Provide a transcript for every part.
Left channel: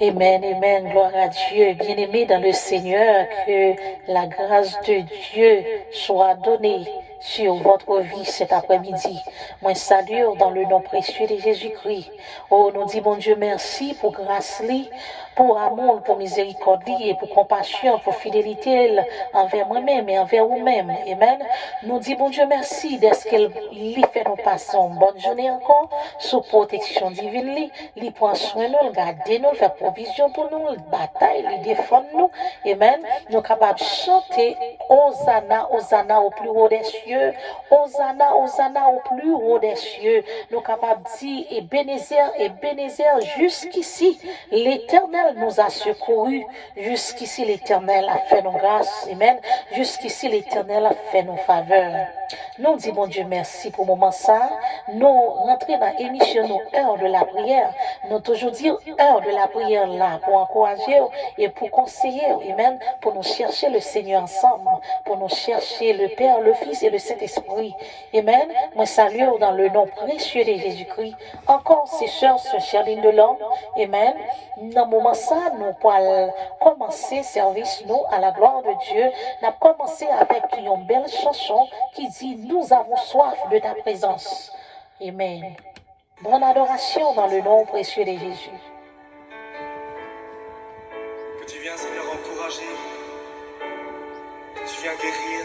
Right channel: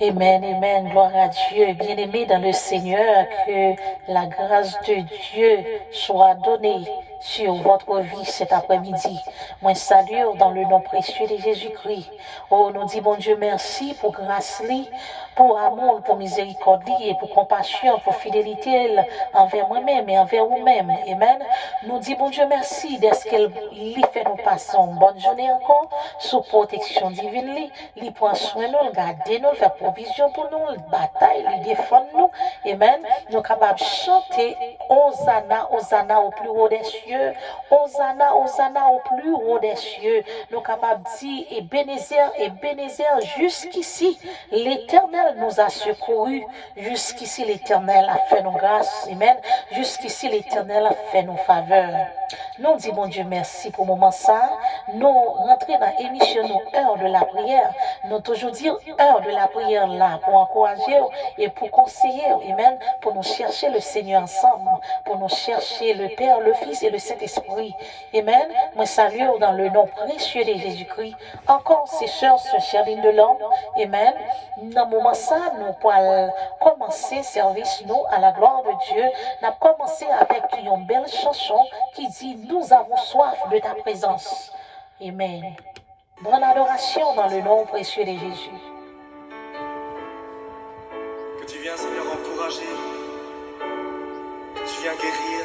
Amen, amen, gloire à Dieu. Bien-aimés dans le Seigneur, que la grâce de Dieu soit donnée sur votre vie cet après-midi. Moi, salue dans le nom précieux de Jésus-Christ. Oh, nous dit bon Dieu merci pour grâce, pour amour, pour miséricorde et pour compassion, pour fidélité envers moi-même et envers vous-même. Amen. Nous dit bon Dieu merci d'être qu'elle lui fait nous passer une bonne journée encore sous protection divine. Il prend soin de nous, garder nous, faire provision pour nous, bataille, il défend nous. Amen. Nous sommes capables de chanter Hosanna, Hosanna au plus haut des cieux. Hosanna, Hosanna au plus haut des cieux. Nous sommes capables de dire et Bénézer, jusqu'ici, l'Éternel nous a secourus. Jusqu'ici, l'Éternel a fait nos grâces. Amen. Jusqu'ici, l'Éternel a fait nos faveurs. Nous disons, bon Dieu, merci pour le moment ça. Nous rentrons dans l'émission, heure de la prière. Nous toujours dire heure de la prière là pour encourager et pour conseiller. Amen. Pour nous chercher le Seigneur ensemble. Pour nous chercher le Père, le Fils et le Saint-Esprit. Amen. Moi, salue dans le nom précieux de Jésus-Christ. Encore, ces sœurs, ce cher ligne de l'homme. Amen. Dans le moment ça, nous pourrons commencer service, nous, à la gloire de Dieu. Nous avons commencé avec une belle chanson qui dit, nous avons soif de ta présence. Amen. Bonne adoration dans le nom précieux de Jésus. Que tu viens, Seigneur, encourager. Que tu viens guérir.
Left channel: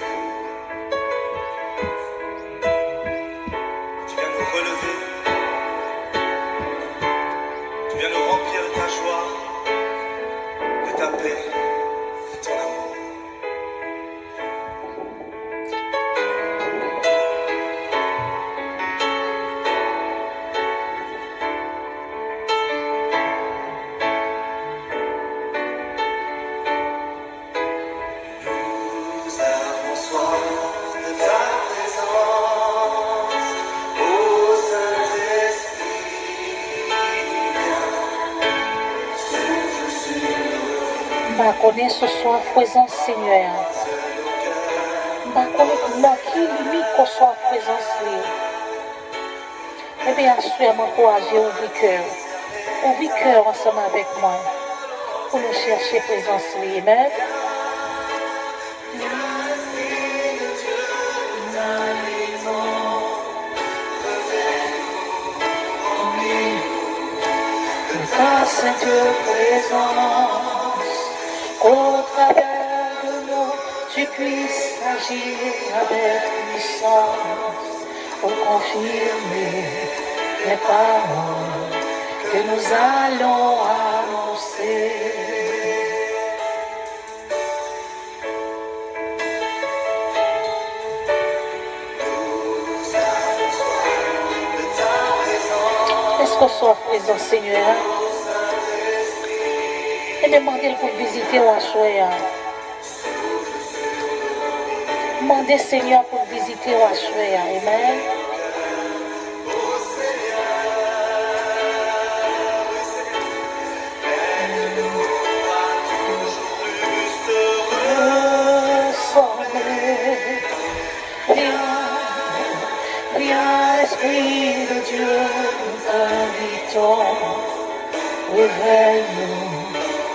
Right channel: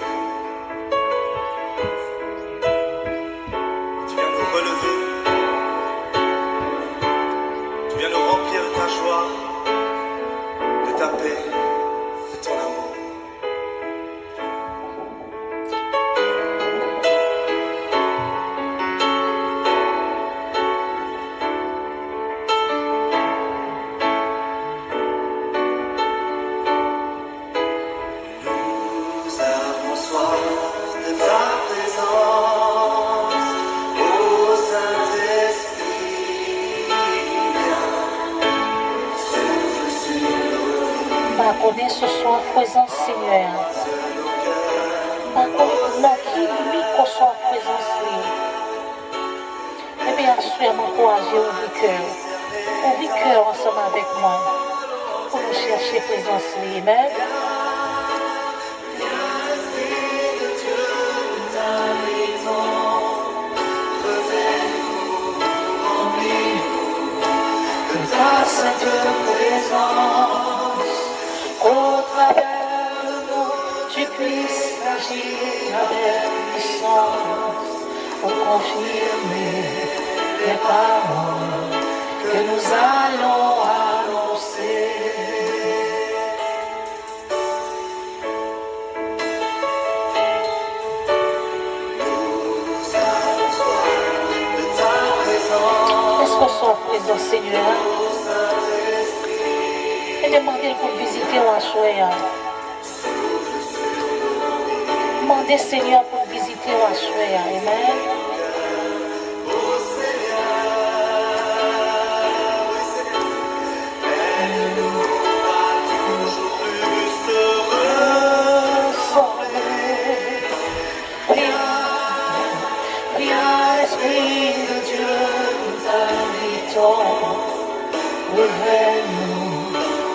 Tu viens nous relever. Tu viens nous remplir de ta joie, de ta paix, de ton amour. Combien ce soit présent, Seigneur. Dans qui limite qu'on soit présence. Eh bien, sûr, m'encourager au cœur. Au cœur ensemble avec moi. Pour nous chercher présence. Amen. Ta sainte présence, au travers de nous, tu puisses agir avec puissance pour confirmer les paroles que nous allons annoncer. Est-ce que soit présent, Seigneur? Et demandez pour visiter la choya. Demandez, Seigneur, pour visiter la choya. Amen. Viens, Esprit de Dieu, nous t'invitons. Réveille-nous,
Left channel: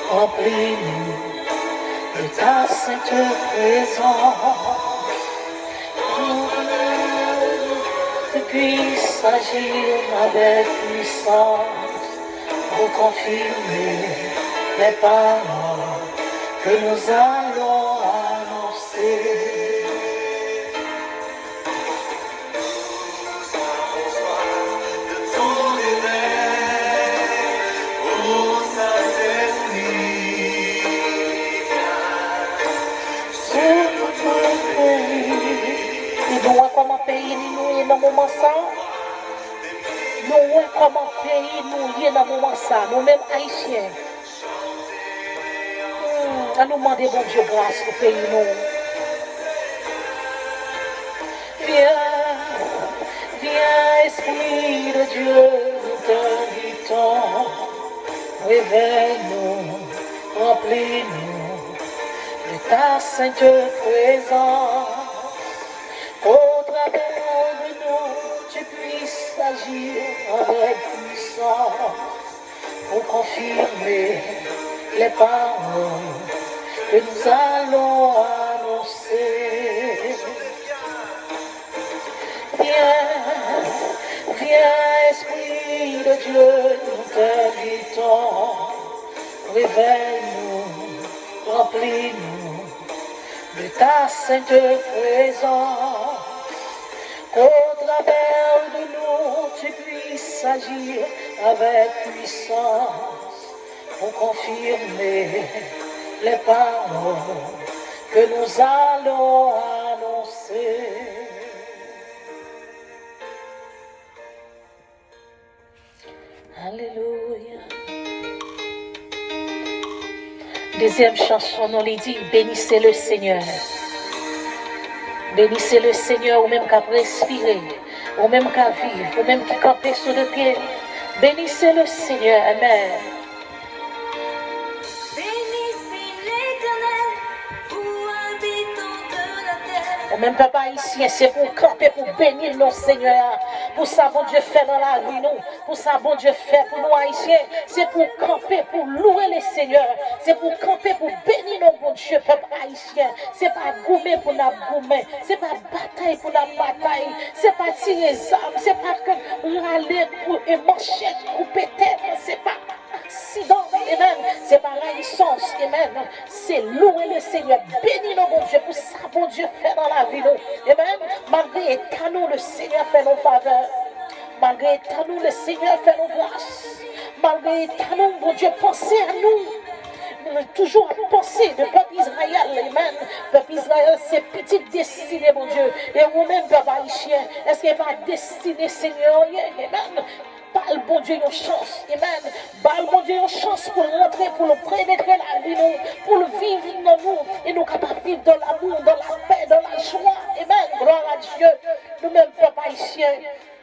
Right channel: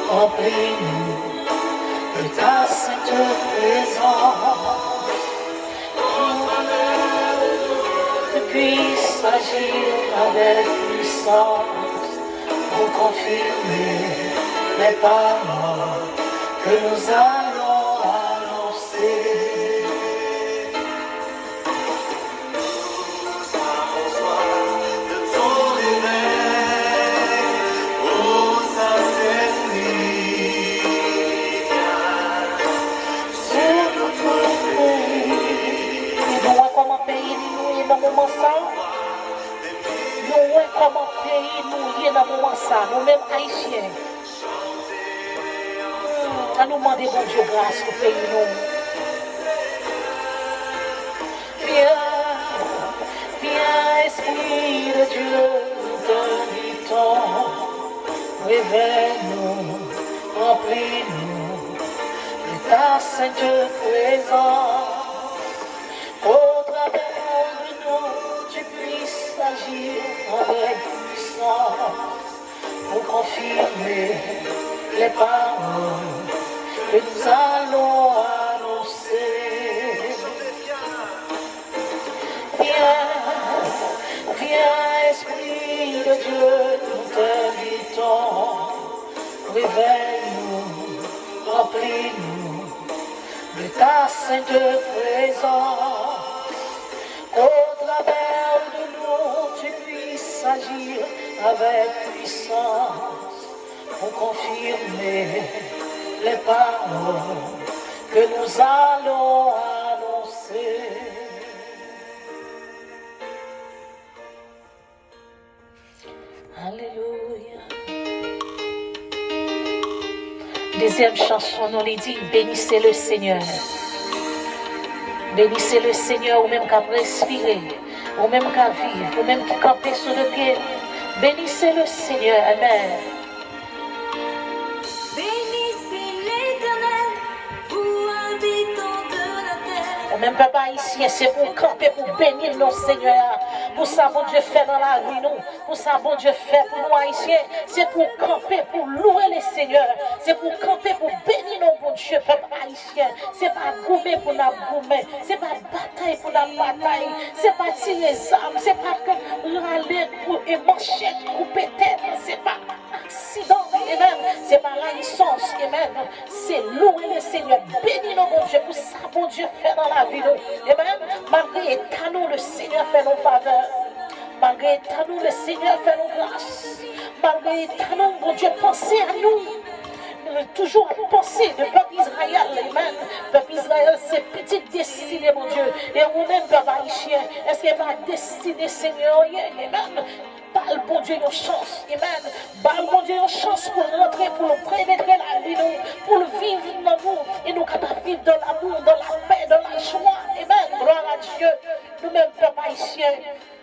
remplis-nous de ta sainte présence. Que tu puisses agir avec puissance pour confirmer les paroles que nous allons annoncer. Nous comment pays nous y est dans le moment ça, nous-mêmes haïtiens. À nous demander bon Dieu grâce pour pays nous. Viens, Esprit de Dieu, nous t'invitons. Réveille-nous, remplis-nous de ta sainte présence. Avec puissance, pour confirmer les paroles que nous allons annoncer. Viens, Esprit de Dieu, nous t'invitons. Réveille-nous, remplis-nous de ta sainte présence. Au travers de nous, tu puisses agir avec puissance pour confirmer les paroles que nous allons annoncer. Alléluia. Deuxième chanson, on lui dit, bénissez le Seigneur. Bénissez le Seigneur, ou même qu'à respirer, ou même qu'à vivre, ou même qui campe sur le pied. Bénissez le Seigneur, amen. Bénissez l'Éternel, vous habitants de la terre. Et même peuple haïtien, c'est pour camper, pour bénir nos seigneurs. Pour ça, bon Dieu fait dans la vie, nous. Pour ça, bon Dieu fait pour nous haïtiens. C'est pour camper, pour louer les seigneurs. C'est pour camper, pour bénir nos bon Dieu, peuple haïtien. C'est pas goumer pour la goumer. C'est pas bataille pour la bataille. C'est pas tirer les armes. C'est pas râler et manchette, couper tête. C'est pas accident, amen. C'est pas la licence, amen. C'est louer le Seigneur, bénir nos bon Dieu pour ça, bon Dieu fait dans la vie, nous. Amen. Malgré état nous, le Seigneur fait nos faveurs. Malgré état nous, le Seigneur fait nos grâces. Malgré état nous, bon Dieu, pensez à nous. Toujours penser de peuple Israël, amen. Peuple Israël, c'est petite destinée, mon Dieu. Et vous-même, peuple haïtien, est-ce qu'il n'y a pas destinée, Seigneur, amen. Parle, bon Dieu, une chance, amen. Parle, bon Dieu, une chance pour rentrer, pour le pénétrer la vie, nous, pour le vivre dans nous, et nous capables de vivre dans l'amour, dans la paix, dans la joie, amen. Gloire à Dieu. Nous-mêmes, peuple haïtien,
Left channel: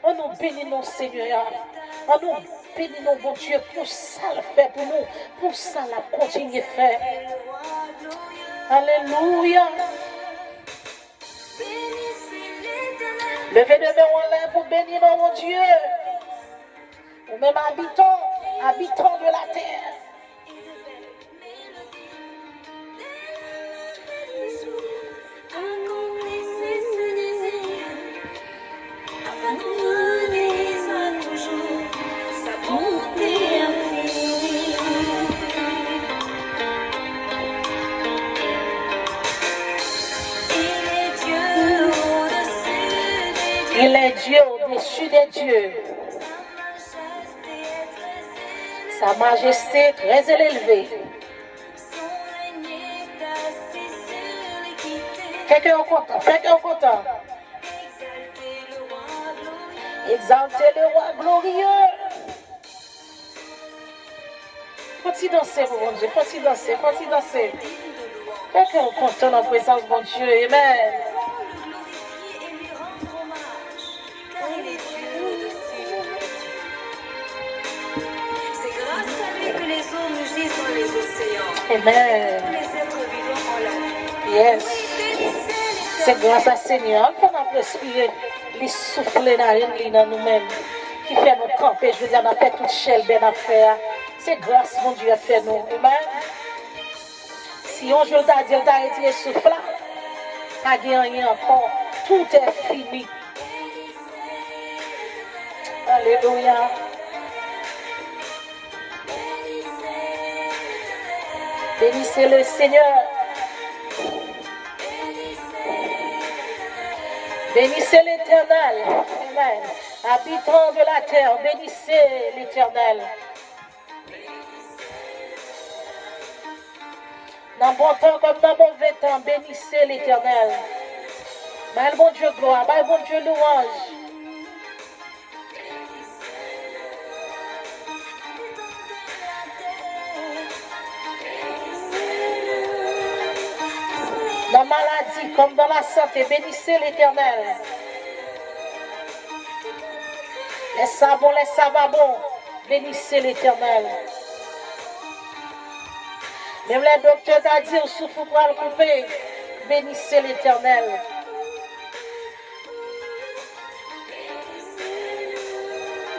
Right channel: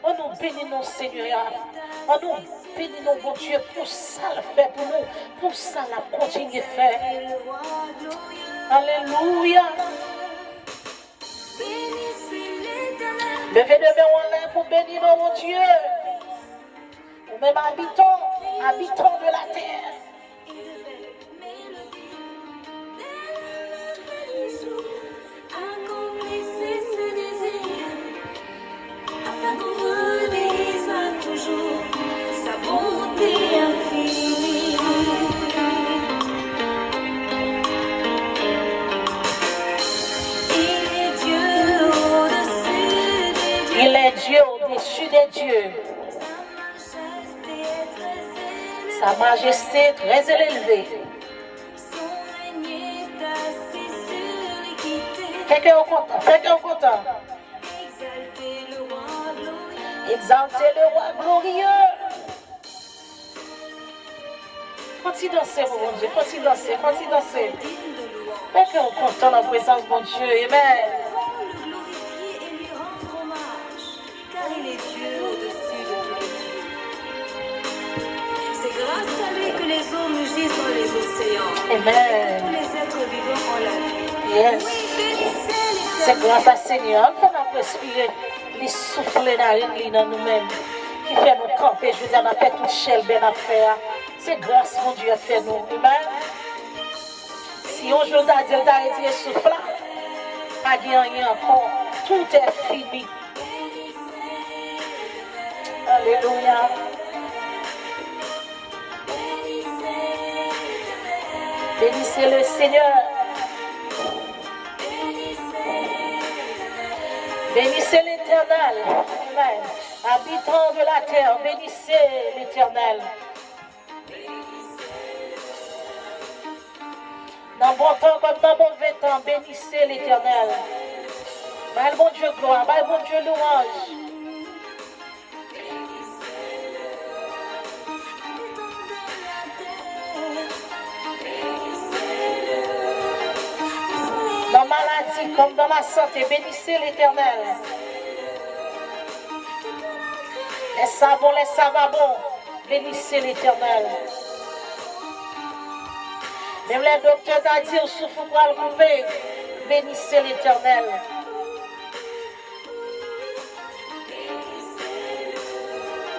on nous bénit, nos Seigneur. On nous bénit, nos bon Dieu, pour ça le fait pour nous, pour ça la continue de faire. Alléluia. Levez les mains en l'air pour bénir mon Dieu. Ou même habitants de la terre. Accomplissez ce désir, afin qu'on redise à toujours sa bonté infinie. Il est Dieu au-dessus des dieux. Sa majesté est très élevée. Fais qu'on content. Exaltez le roi glorieux. Faut-il danser, mon Dieu, faut-il danser. Fais qu'on content dans la présence de mon Dieu, amen. Car il est Dieu au-dessus de tous les dieux. C'est grâce à lui que les eaux mugissent dans les océans. Amen. Tous les êtres vivants ont la vie. Yes. C'est grâce à Seigneur qu'on a respiré, les souffler dans nous-mêmes, qui fait nous camper. Je veux dire, on a fait toute chelle bien à faire. C'est grâce, mon Dieu, a fait nous. Amen. Si on joue à Dieu, t'as retiré souffle, pas gagné encore. Tout est fini. Alléluia. Bénissez le Seigneur. Bénissez l'Éternel. Amen. Habitants de la terre, bénissez l'Éternel. Dans bon temps comme dans mauvais temps, bénissez l'Éternel. Bye bon Dieu gloire, bye bon Dieu louange. Dans la maladie comme dans la santé, bénissez l'Éternel. Les savabons, bénissez l'Éternel. Même les docteurs t'ont dit, souffle pour le couper, bénissez l'Éternel.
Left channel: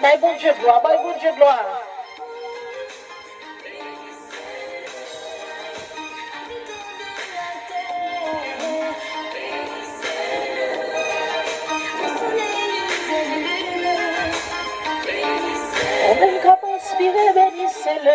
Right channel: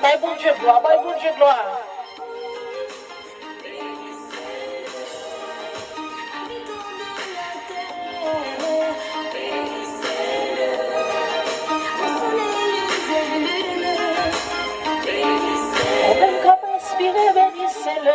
Mais bon Dieu gloire, respirez, bénissez-le.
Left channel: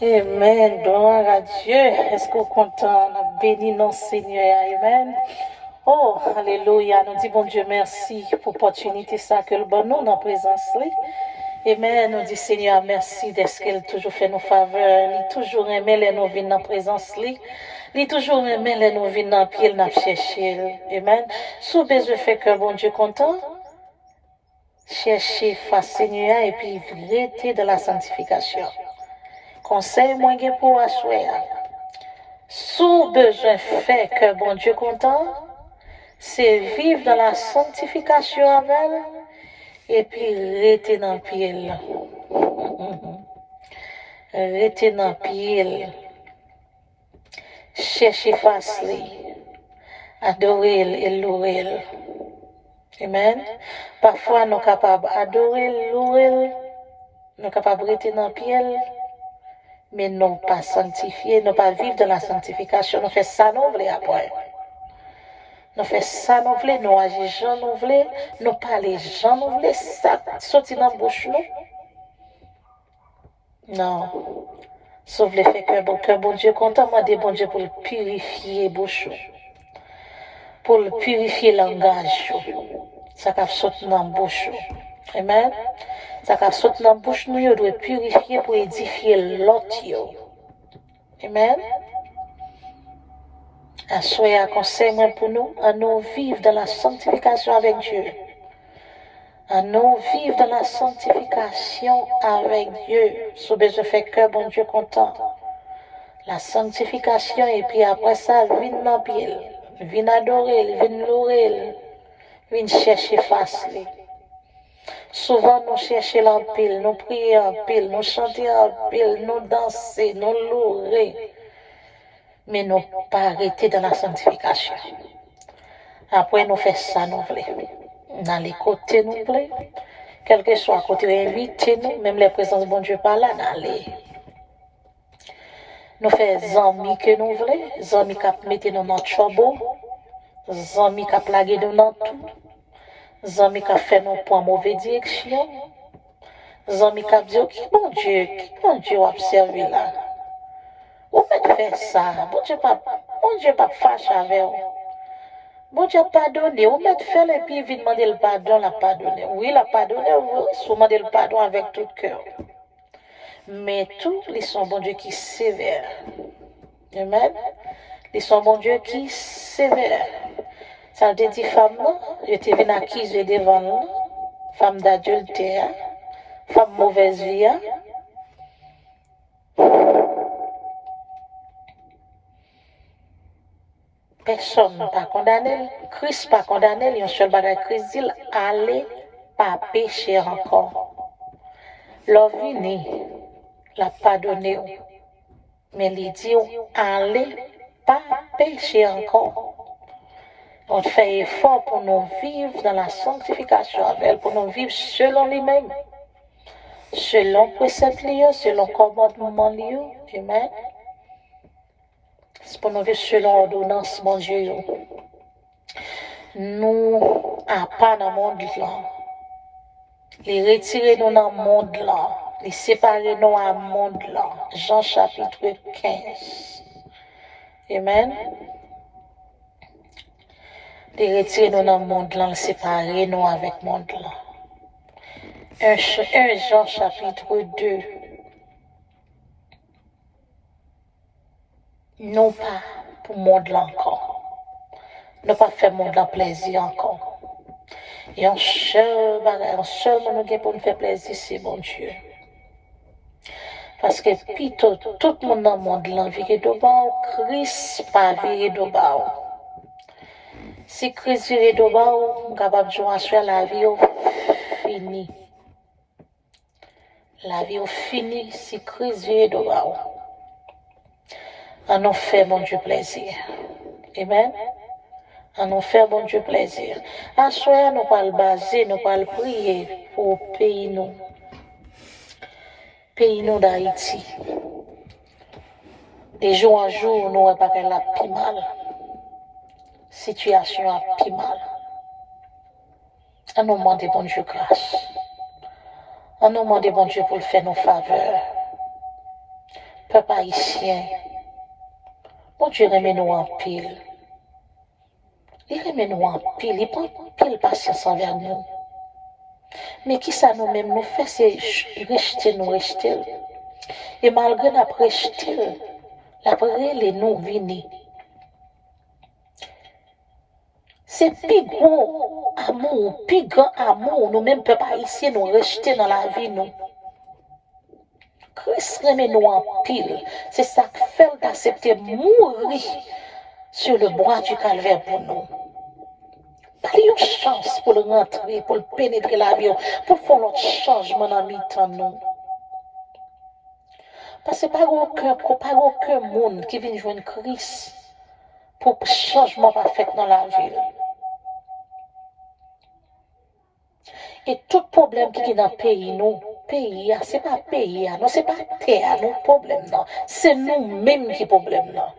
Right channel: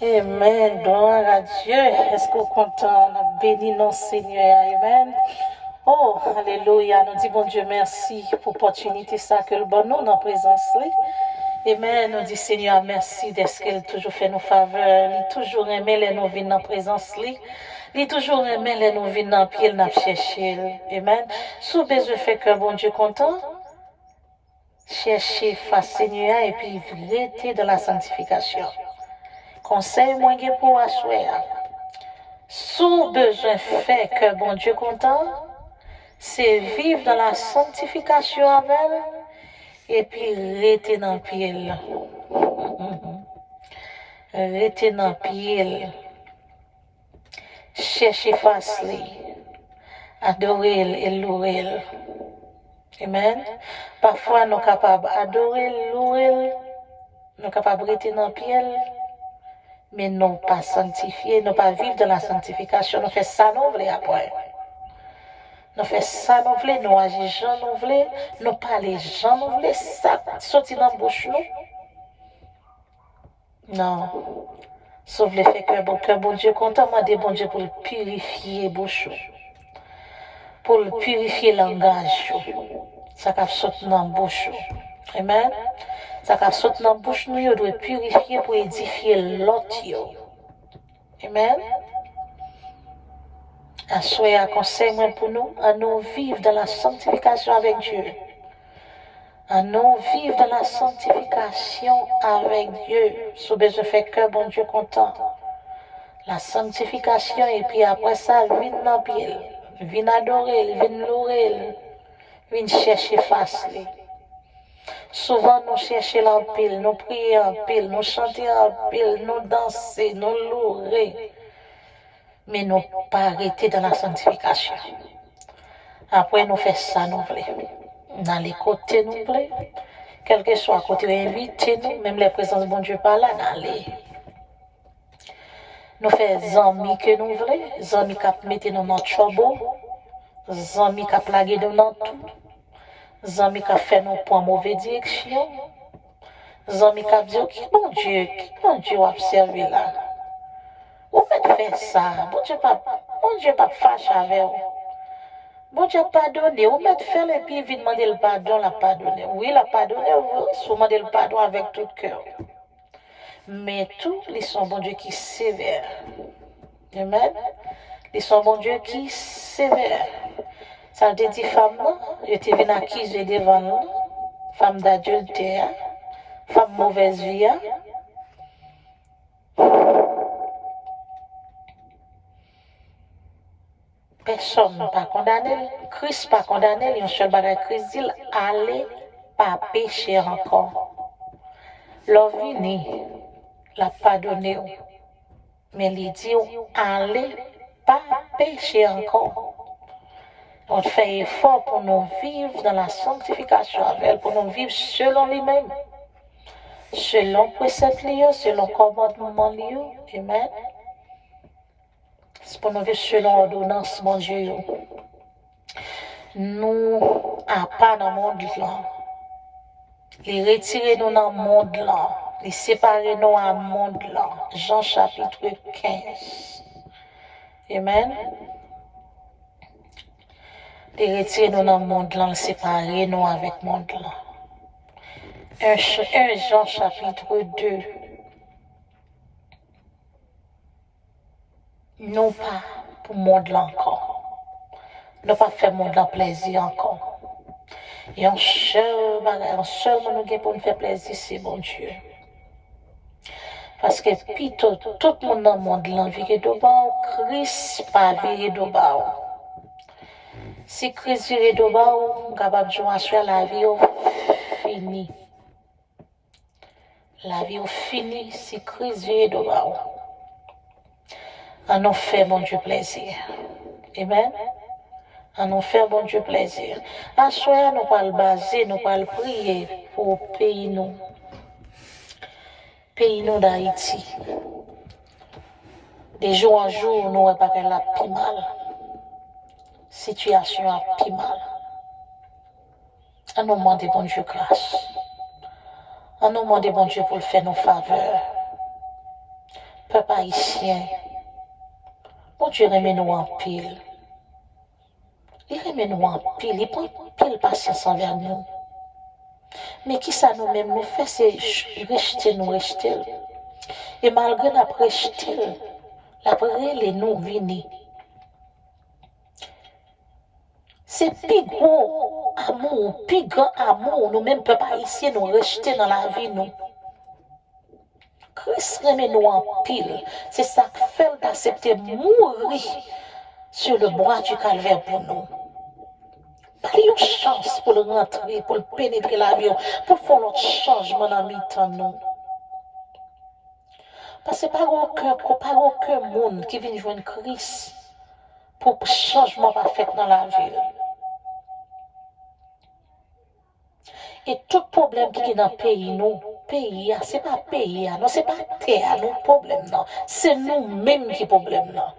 Amen, gloire à Dieu. Est-ce qu'on est content? On a béni notre Seigneur. Amen. Oh, alléluia. Nous disons, bon Dieu, merci pour l'opportunité ça que le bon nous dans la présence. Amen. Nous disons, Seigneur, merci d'être qu'elle toujours fait nos faveurs. Il toujours aimé les nous venir dans la présence. Il toujours aimé les nous venir dans le pied, nous chercher. Amen. Sous besoin fait que bon Dieu content. Chercher face Seigneur et puis rester dans la sanctification. Conseil moi pour asseoir. Sous besoin fait que bon Dieu content, c'est vivre dans la sanctification avec elle et puis rester dans le pied. Rester dans le pied. Chercher face lui. Adorer et louer. Amen. Parfois nous sommes capables d'adorer, louer, nous sommes capables de rester dans le pied. Mais non pas sanctifier, non pas vivre dans la sanctification. Nous faisons ça, nous voulons après. Nous faisons ça, nous voulons, nous agissons, nous voulons, nous parlons, nous voulons, ça sortir dans la bouche, nous. Non. Sauf le fait que bon Dieu, content, moi, bon Dieu, pour le purifier la bouche, pour le purifier le langage, ça va sortir dans la bouche. Amen. Ça va sortir dans la bouche, nous doit purifier pour édifier l'autre. Amen. Soyez un conseil pour nous, à nous vivre dans la sanctification avec Dieu. À nous vivre dans la sanctification avec Dieu. Sous besoin fait que bon Dieu content. La sanctification et puis après ça, vient dans le pied. Vient adorer, vient louer, vient chercher face. Souvent, nous cherchons en pile, nous prions en pile, nous chantons en pile, nous dansons, nous louons. Mais nous pas arrêter dans la sanctification. Après, nous faisons ça, nous voulons. Dans les côtés, nous voulons. Quel que soit côté, invitez nous, même les présences de bon Dieu par là, d'aller. Nous faisons amis que nous voulons, amis qui mettent nous dans le trouble, amis qui plaguent nous dans tout. Zami qui fait nous pour mauvaise direction. Zami qui dit, qui bon Dieu a observé là. Vous pouvez faire ça. Bon Dieu pas fâche avec vous. Bon Dieu pardonne. Vous pouvez faire et puis vite demander le pardon, la pardonner. Oui, la pardonner, vous demandez le pardon avec tout cœur. Mais tout, ils sont bon Dieu qui est sévère. Amen. Ils sont bon Dieu qui est sévère. Ça veut dire femme, je t'ai venu accuser devant nous, femme d'adultère, femme mauvaise vie. Personne n'a pas condamné, Christ n'a pas condamné, il y a un seul bagage Christ dit, allez pas pécher encore. L'ovini l'a pardonné, mais il dit, allez pas pécher encore. On fait effort pour nous vivre dans la sanctification avec elle, pour nous vivre selon lui-même, selon précepte, selon commandement. Amen. C'est pour nous vivre selon ordonnance, mon Dieu. Nous, à pas dans le monde là. Les retirer nous dans le monde là. Les séparer nous dans le monde là. Jean chapitre 15. Amen. Les retirer nous dans le monde là, les séparer nous avec le monde là. 1 Jean chapitre 2. Non pas pour le monde là encore. Non pas faire le monde là plaisir encore. Et un seul monde pour nous faire plaisir, c'est bon Dieu. Parce que plutôt tout le monde dans le monde là vire de bas, Christ pas vire de bas. Si Christ vire de bas, on capable de jouer sur la vie fini. La vie fini si Christ vire de bas. À nous faire mon Dieu plaisir. Amen. À nous faire bon Dieu plaisir. À soi, nous pas le baser, nous pas le prier pour pays nous. Pays nous d'Haïti. De jour en jour, nous pas qu'elle a plus mal. Situation a plus mal. À nous demander bon Dieu grâce. À nous demander bon Dieu pour le faire nos faveurs. Peuple haïtien, bon Dieu remet nous en pile. Il remet nous en pile, il prend pile patience envers nous. Mais qui ça nous-mêmes nous fait, c'est rejeter nous, rejeter. Et malgré la rejeter, l'après les nous venir. C'est plus gros amour, plus grand amour, nous-mêmes, peuple haïtien, nous rejeter dans la vie, nous. Christ remet nous en pile. C'est ça que fait d'accepter mourir sur le bois du calvaire pour nous. Pas une chance pour le rentrer, pour le pénétrer la vie, pour faire notre changement dans le temps nous. Parce que pas aucun monde qui vient jouer une crise pour changement parfait dans la ville. Et tout problème qui est dans le pays, nous, ce n'est pas pays, non, ce n'est pas terre, non, problème, non. C'est nous-mêmes qui problème, non.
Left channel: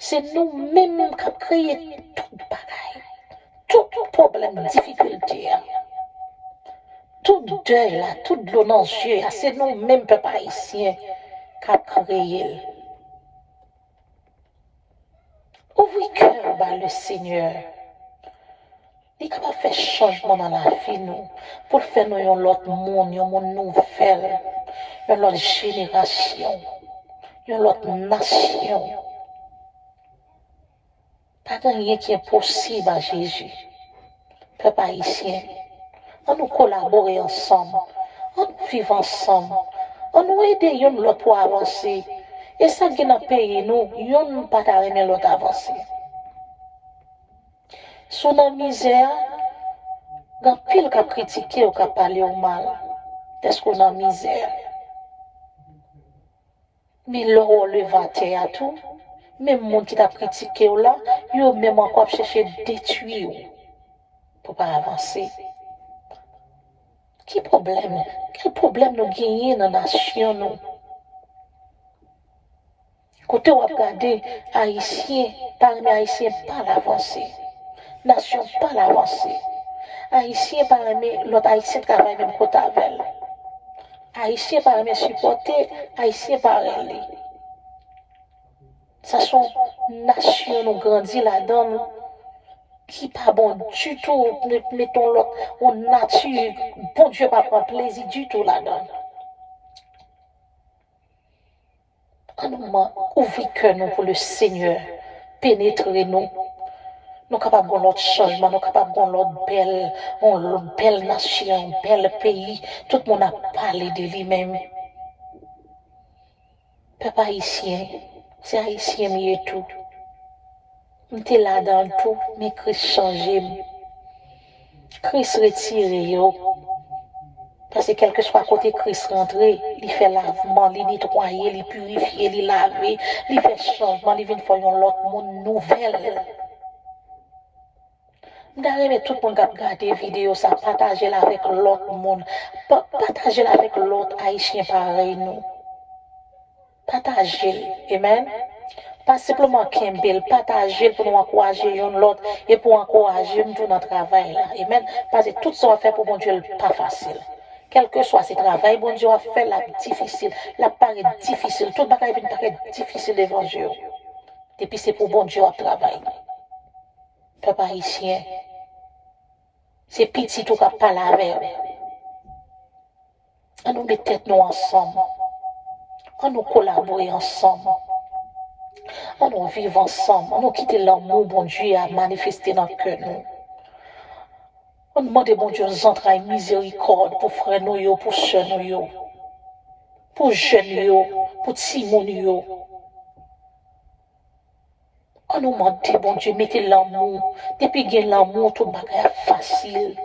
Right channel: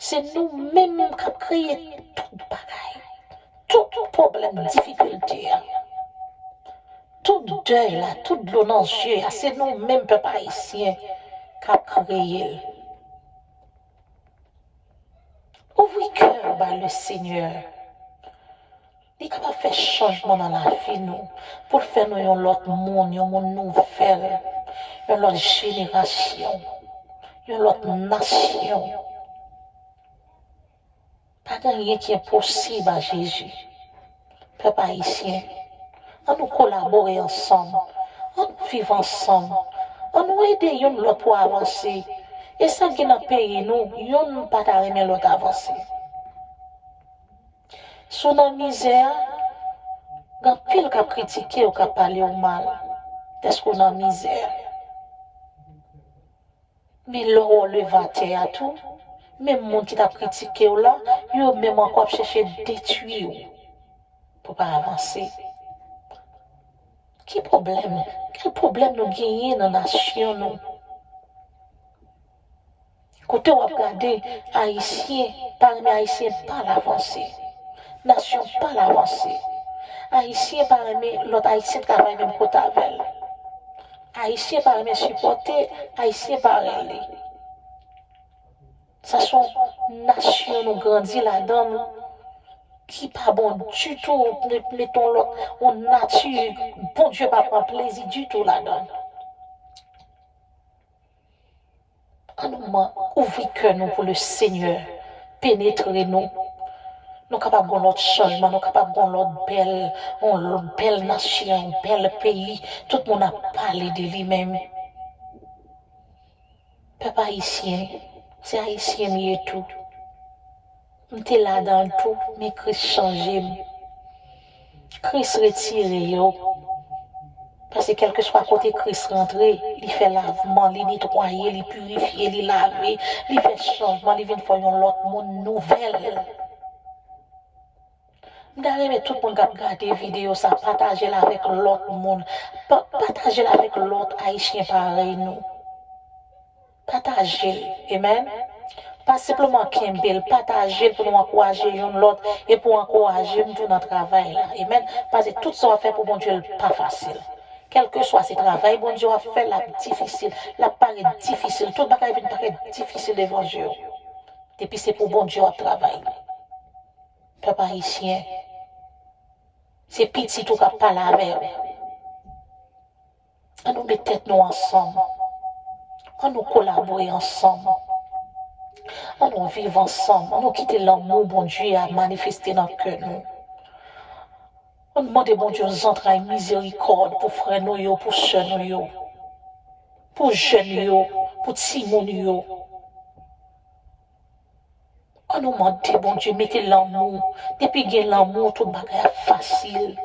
C'est nous-mêmes qui avons créé tout bagaille. Tout problème, difficulté, tout deuil, là, tout l'eau dans les yeux, c'est nous-mêmes, peuple haïtien, qui avons créé. Ouvrez cœur, le Seigneur. Il est capable de faire changement dans la vie, nous, pour faire nous un autre monde, un monde nouvel, une autre génération, une autre nation. Pas de rien qui est possible à Jésus. Peuple haïtien, on nous collaborer ensemble, on nous vivre ensemble, on nous aider l'autre pour avancer. Et ça qui est dans le pays, nous, on ne pas aimer l'autre avancer. Sous la misère, il y a pile qui a critiqué ou qui a parlé au mal. Est-ce qu'on a misère? Mais l'eau levaté à tout. Même les gens qui t'a critiqué là, ils ont même encore cherché à détruire pour ne pas avancer. Quel problème nous gagnons dans la nation nous? Côté où regarder Haïtien, parmi Haïtiens pas l'avancer. Nation pas l'avancer. Haïtien parmi l'autre Haïtien travaille même côté avec. Haïtien parmi supporter, Haïtien parmi. Ça sont nations nous grandit là-dedans qui pas bon du tout. Mettons l'autre en nature, bon Dieu pas prendre plaisir du tout là-dedans. Ouvrez cœur nous pour le Seigneur, pénétrer nous. Nous sommes capables de notre changement, nous sommes capables de notre belle nation, bel pays. Tout le monde a parlé de lui-même. Peuple haïtien, c'est haïtien mieux tout. On était là dans tout, mais Christ change. Christ retire. Parce que quel que soit côté Christ rentré, il fait lavement, il nettoie, il purifie, il lave, il fait changement, il vient faire un autre monde nouvel. Mais tout le monde qui a regardé la vidéo, ça partager avec l'autre monde. Partager avec l'autre haïtien pareil, nous. Partager. Amen. Pas simplement Kembel, partager pour nous encourager l'autre et pour encourager nous dans notre travail. Là. Amen. Parce que tout ça va faire pour mon Dieu pas facile. Quel que soit ce travail, bon Dieu va faire la difficile, la paraît difficile. Tout le monde va paraître difficile devant Dieu. Et puis c'est pour bon Dieu à travailler. Peuple haïtien. C'est petit tout qui parle avec eux. On nous met tête nous ensemble. On nous collabore ensemble. On nous vivre ensemble. On nous quitte l'amour, bon Dieu, à manifester dans le cœur nous. On demande, bon Dieu, aux entrailles miséricorde pour frères nous, pour soeurs nous. pour jeunes yo, pour petits moun yo. On nous demande, bon Dieu, mettez l'amour. Depuis qu'il y a l'amour, tout bagay facile.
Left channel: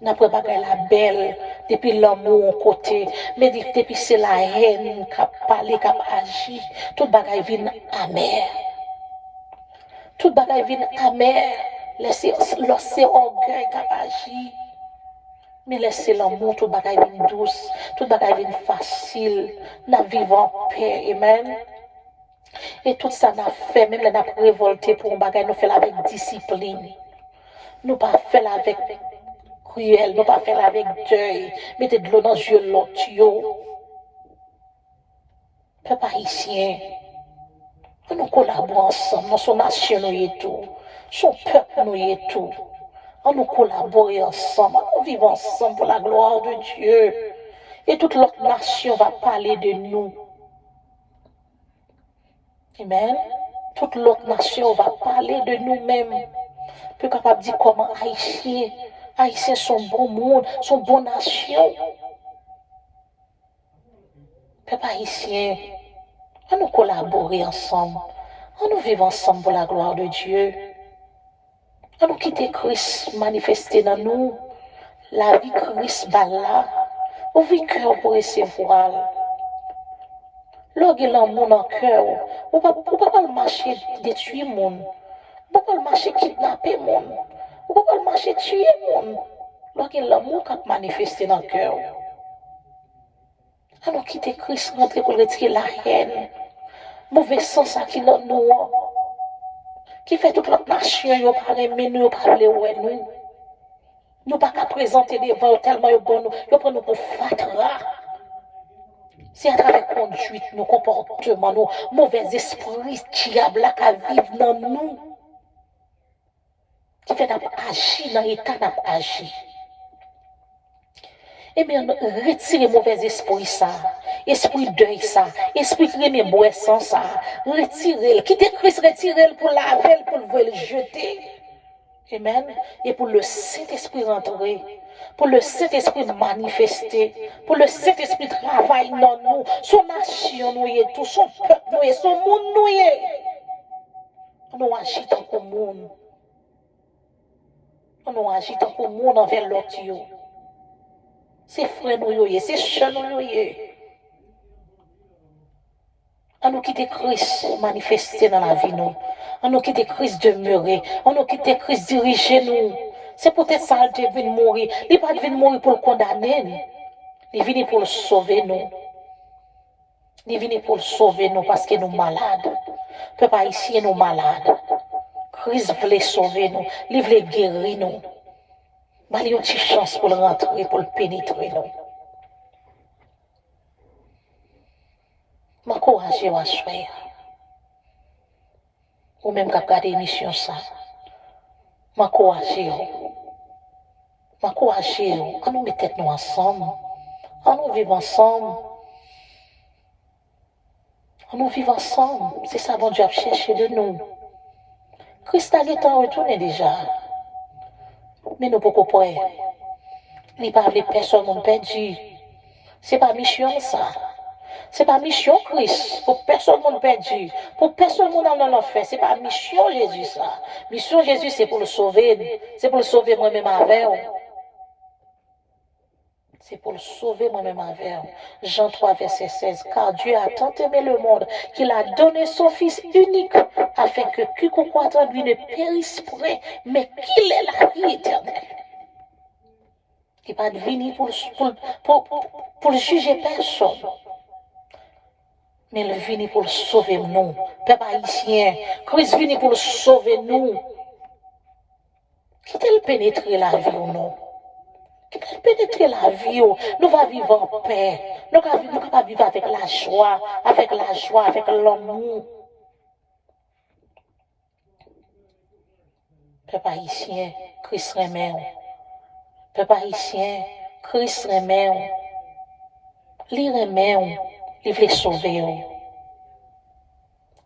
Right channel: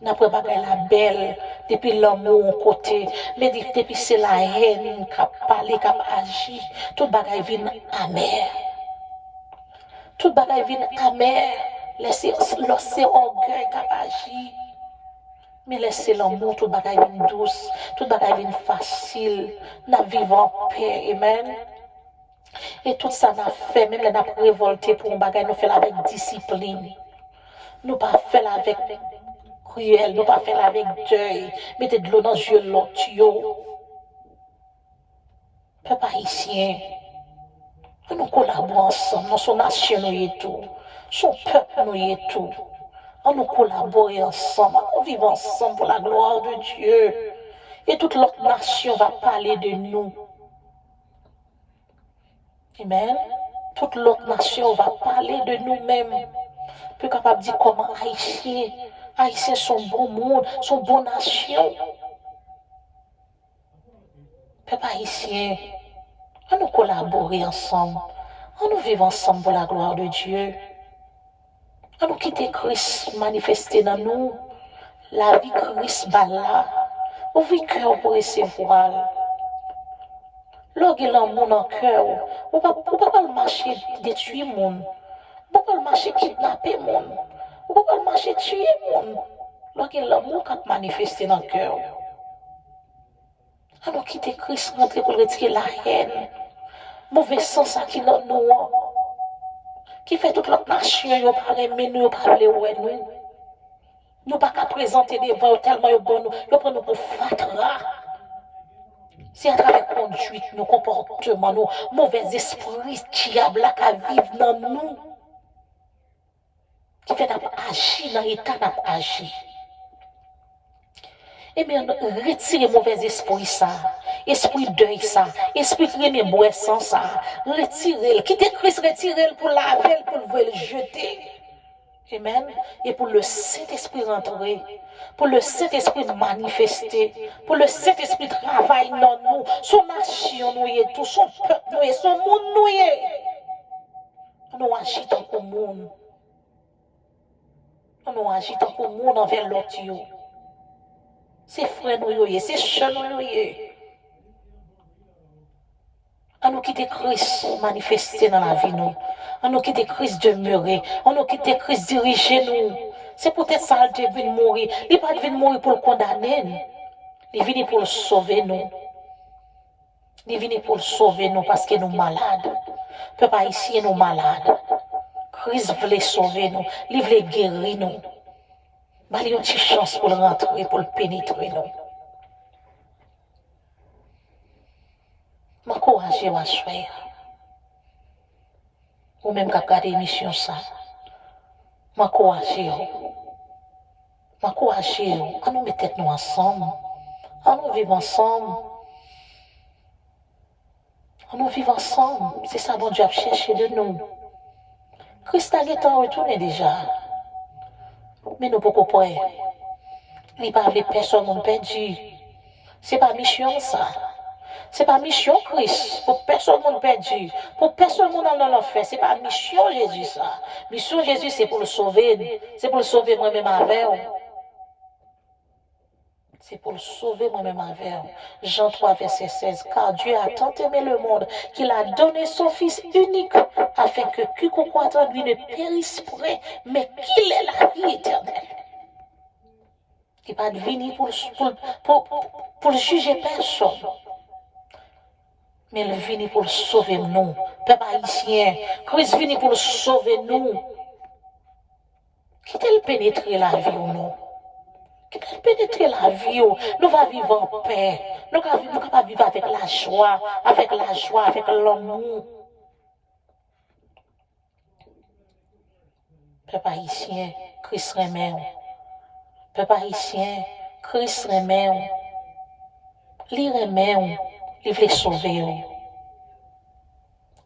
N'après bagay la belle, depuis l'amour en côté, mais depuis c'est la haine qui a parlé, qui a agi, tout bagay vient amer. Tout bagay vient amer. Laissez orgueil qui a agi. Mais laissez l'amour, tout bagay vient douce, tout bagay vient facile. Nous vivons en paix, amen. Et tout ça n'a fait, même là, nous révolté pour un bagage, nous faisons avec discipline. Nous pas faire avec cruel, nous pas faire avec deuil. Mettez de l'eau dans les yeux de l'autre. Peuple haïtien, nous collaborons ensemble, nous sommes nation, nous y tout. Son peuple, nous y tout. Nous collaborons ensemble, nous vivons ensemble pour la gloire de Dieu. Et toute l'autre nation va parler de nous. Amen. Toute l'autre nation va parler de nous-mêmes. Plus capable de dire comment Haïtiens sont bon monde, sont bonne nation. Peuple haïtien, on nous collaborer ensemble. On nous vivre ensemble pour la gloire de Dieu. On nous quitter Christ manifester dans nous. La vie Christ là. Ouvrir cœur pour recevoir. Lorsque l'amour dans le cœur, on ne peut pas marcher détruire le monde. On ne peut pas marcher kidnapper le monde. On ne peut pas marcher tuer le monde. Lorsque l'amour est manifesté dans le cœur. On quitte Christ rentrer pour retirer la haine. Mauvais sens qui est dans nous. Qui fait toute la nation, nous pas aimer nous, pas parler avec nous. Nous pas qu'à présenter des voix tellement bon, nous prenons pour fatra. C'est à travers conduite, nos comportements, nos mauvais esprits, diable qui vivent dans nous, qui fait agir dans l'état d'agir. Eh bien, retirez mauvais esprit ça, esprit deuil ça, esprit remémoration ça, retirez, quittez Christ, retirez pour laver, pour le jeter. Amen. Et pour le Saint-Esprit rentrer. Pour le Saint-Esprit manifester, pour le Saint-Esprit travailler dans nous, son nation nous est tout, son peuple nous est, son monde nous est. Nous agissons comme monde. Nous agissons comme monde envers l'autre. C'est frère nous, c'est chien nous. Nous quitter Christ manifester dans la vie nous. Nous quitter Christ demeurer. Nous quitter Christ diriger nous. C'est peut-être ça qu'il vient mourir. Il n'est pas venu mourir pour le condamner. Il est venu pour le sauver nous. Il est venu pour le sauver nous parce que nous sommes malades. Peuple haïtien nous malades. Christ voulait sauver nous. Il voulait guérir nous. Il y a une petite chance pour le rentrer, pour le pénétrer nous. Je m'encourage à soir. Ou même qu'à regarder l'émission ça. M'encourager. On nous met tête nous ensemble. On nous vivre ensemble. On nous vivre ensemble. C'est ça bon Dieu a cherché de nous. Christ a retourné déjà. Mais nous pouvons pas. Il n'y a pas de personne qui perdu. Ce n'est pas mission ça. Ce n'est pas mission Christ. Pour personne qui perdu. Pour personne qui dans l'enfer. Ce n'est pas mission Jésus ça. Mission Jésus c'est pour le sauver. C'est pour le sauver moi-même avec. C'est pour le sauver moi-même avec. Jean 3, verset 16. Car Dieu a tant aimé le monde qu'il a donné son Fils unique afin que quiconque croit en lui ne périsse point, mais qu'il ait la vie éternelle. Il n'est pas venu pour juger personne. Mais il est venu pour le sauver nous. Peuple haïtien, Christ est venu pour le sauver nous. Quittez-le pénétrer la vie ou non? Pénétrer la vie, nous allons vivre en paix. Nous allons vivre avec la joie, avec l'amour. Peuple haïtien, Christ remet. Peuple haïtien, Christ remet. Il remet, il veut sauver.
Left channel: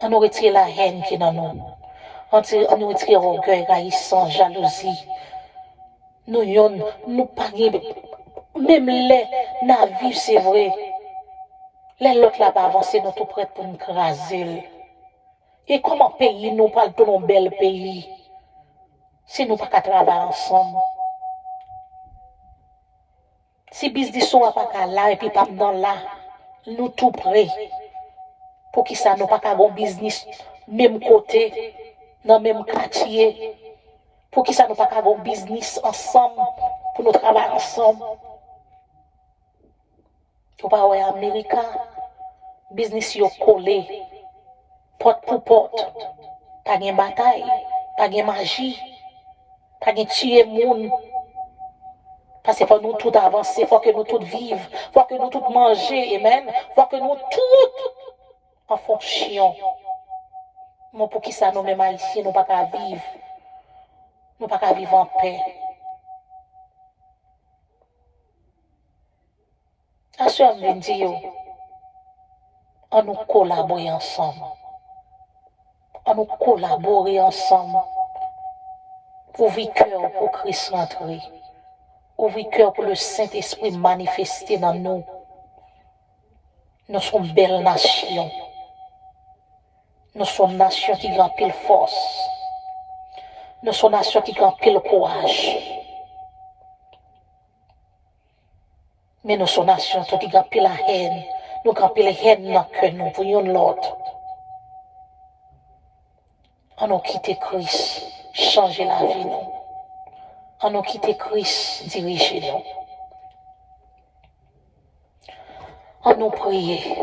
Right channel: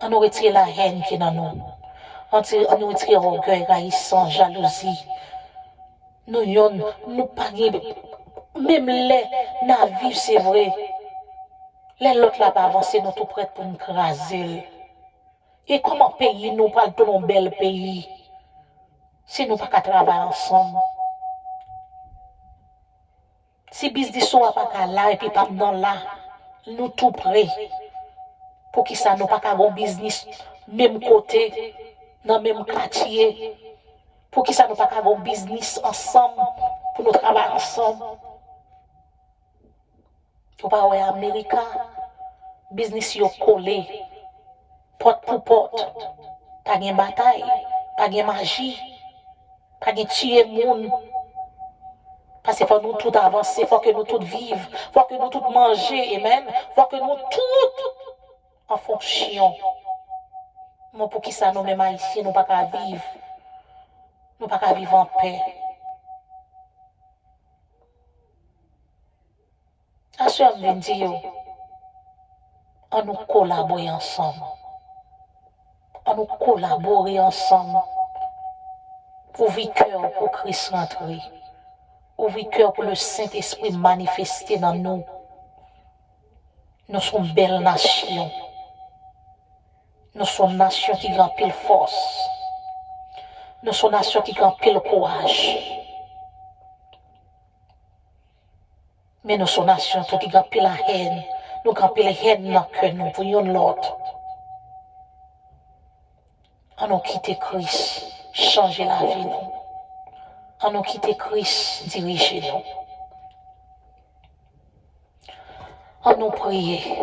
On nous retire la haine qui est dans nous. On nous retire l'orgueil, raïssant, jalousie. Nous pas même les navires, c'est vrai. Les l'autre là pas avancer, nous tout prêts pour nous craser. Et comment pays nous parle de nos bel pays si nous pas qu'à travailler ensemble? Si business soit pas qu'à là et puis pas dans là, nous tout prêts pour qui ça nous pas qu'à bon business même côté dans même quartier pour qui ça nous pas qu'à bon business ensemble pour nous travailler ensemble. Ou pas ouais Amérique business yo collé porte pour porte, pas de bataille, pas de magie, pas de tuer monde. Parce qu'il faut nous tout avancer, il faut que nous tout vivions, il faut que nous tout manger, amen. Il faut que nous tout en fonction. Moi, pour qui ça nous même haïtiens, nous pas qu'à vivre. Nous pas qu'à vivre en paix. À ce moment, je dis, on nous collaborer ensemble. On nous collaborer ensemble. Ouvrir cœur pour Christ rentrer. Ouvrir cœur pour le Saint-Esprit manifester dans nous. Nous sommes une belle nation. Nous sommes une nation qui a pile force. Nous sommes une nation qui a pile courage. Mais nous sommes une nation qui a pile la haine. Nous avons pile la haine dans le cœur nous pour l'autre. On nous quitte Christ, changer la vie nous. On nous quitte Christ, diriger nous. On nous prier.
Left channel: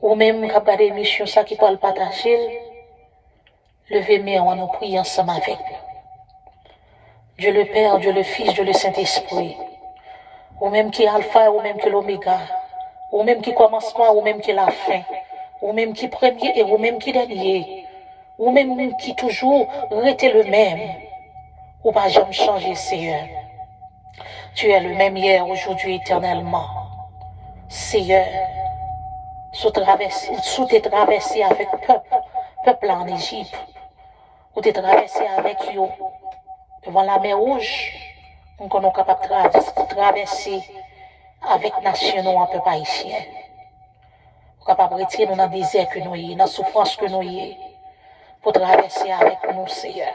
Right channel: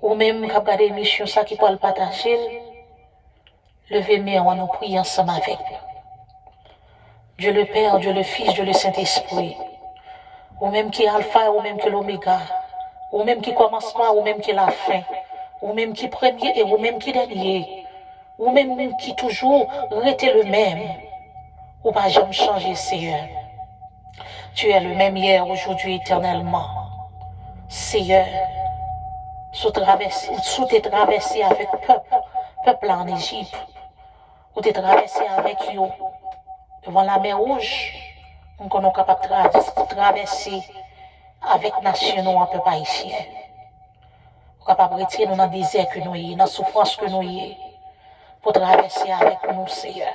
Ou même quand regarder l'émission ça qui peut le partager, levez-moi, on nous prie ensemble avec nous. Dieu le Père, Dieu le Fils, Dieu le Saint-Esprit. Ou même qui est alpha, ou même qui est l'oméga. Ou même qui commence pas, ou même qui est la fin. Ou même qui est premier et ou même qui est dernier. Ou même qui toujours restait le même. Ou pas jamais changer, Seigneur. Tu es le même hier, aujourd'hui, éternellement. Seigneur, sous tes traversées avec peuple en Égypte, ou tes traversées avec eux, devant la mer Rouge, nous sommes capables de traverser avec nation en peuple haïtien. Nous sommes capables de retirer dans le désert que nous y, dans la souffrance que nous y, pour traverser avec nous, Seigneur.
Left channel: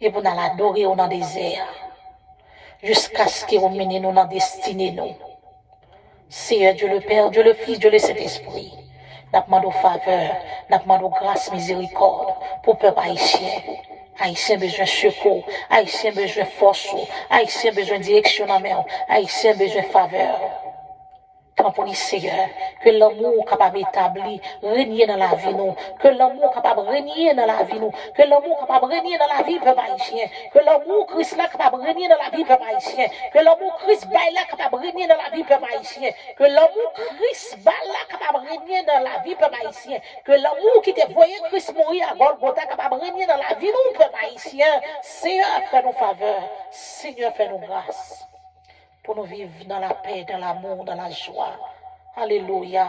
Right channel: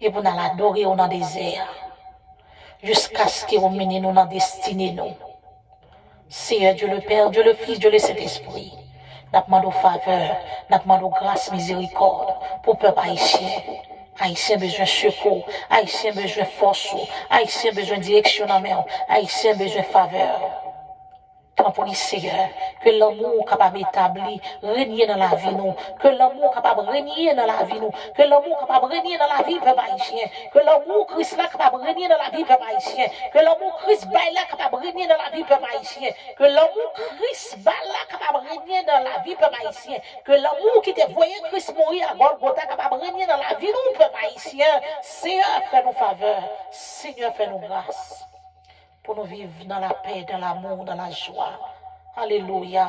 Et pour nous l'adorer dans le désert, jusqu'à ce que vous meniez nous dans la destinée, nous. Seigneur Dieu le Père, Dieu le Fils, Dieu le Saint-Esprit, nous demandons faveur, nous demandons grâce, miséricorde pour le peuple haïtien. Haïtien besoin de secours, Haïtien besoin de force, Haïtien besoin de direction dans la main, Haïtien besoin de faveur. Tant pour les Seigneur, que l'amour capable d'établir, régner dans la vie nous, que l'amour capable de régner dans la vie nous, que l'amour capable de régner dans la vie peuple haïtien, que l'amour Christ là capable de régner dans la vie peuple haïtien, que l'amour Christ bail là capable de régner dans la vie peuple haïtien, que l'amour Christ bail là capable de régner dans la vie peuple haïtien, que l'amour qui te voyait Christ mourir à Golgotha capable de régner dans la vie nous peuple haïtien. Seigneur, fais-nous faveur, Seigneur, fais-nous grâce. Pour nous vivre dans la paix, dans l'amour, dans la joie. Alléluia.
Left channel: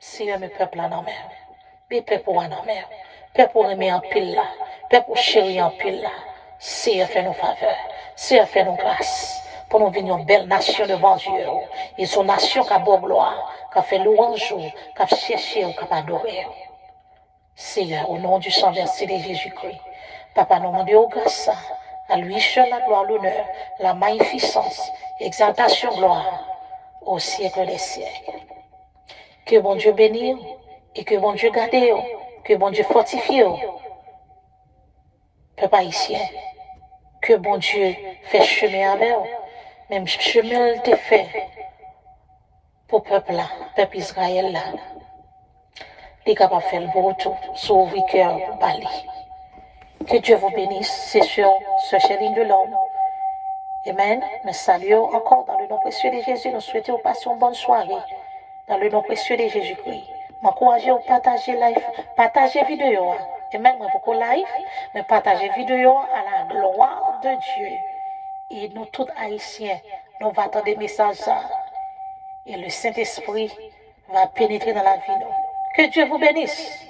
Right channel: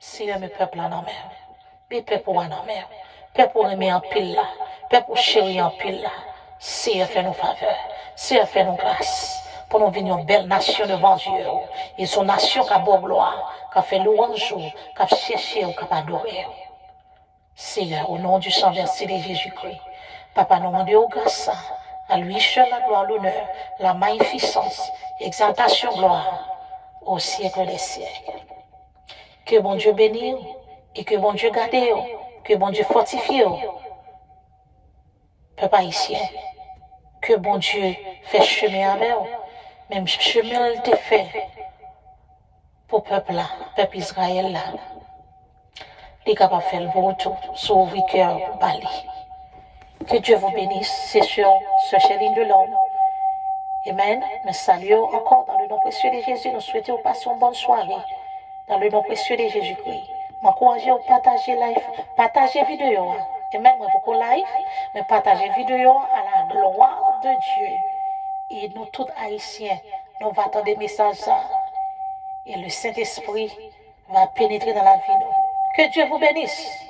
Seigneur, mes peuples en mer. Mes peuples en mer. Peuple aimer en pile là. Peuple chéri en pile là. Seigneur, fais-nous faveur. Seigneur, fais-nous grâce. Pour nous venir une belle nation devant Dieu. Et son nation qui a beau gloire, qui a fait louange, qui a cherché, qui a adoré. Seigneur, au nom du sang versé de Jésus-Christ. Papa, nous demandons grâce. À lui seul la gloire, l'honneur, la magnificence, exaltation, gloire, au siècle des siècles. Que bon Dieu bénisse et que bon Dieu garde, que bon Dieu fortifie, peuple haïtien, que bon Dieu fait chemin avec eux, même chemin il te fait pour peuple là, peuple Israël là, il est capable de faire le beau tout, sauver cœur, bali. Que Dieu vous bénisse, c'est sur ce Chéline de l'homme. Amen. Nous saluons encore dans le nom précieux de Jésus. Nous souhaitons passer une bonne soirée dans le nom précieux de Jésus-Christ. M'encouragez à partager live, partager vidéo. Amen. Beaucoup live, mais partager vidéo à la gloire de Dieu. Et nous tous haïtiens, nous va attendre des messages. Et le Saint-Esprit va pénétrer dans la vie. Que Dieu vous bénisse.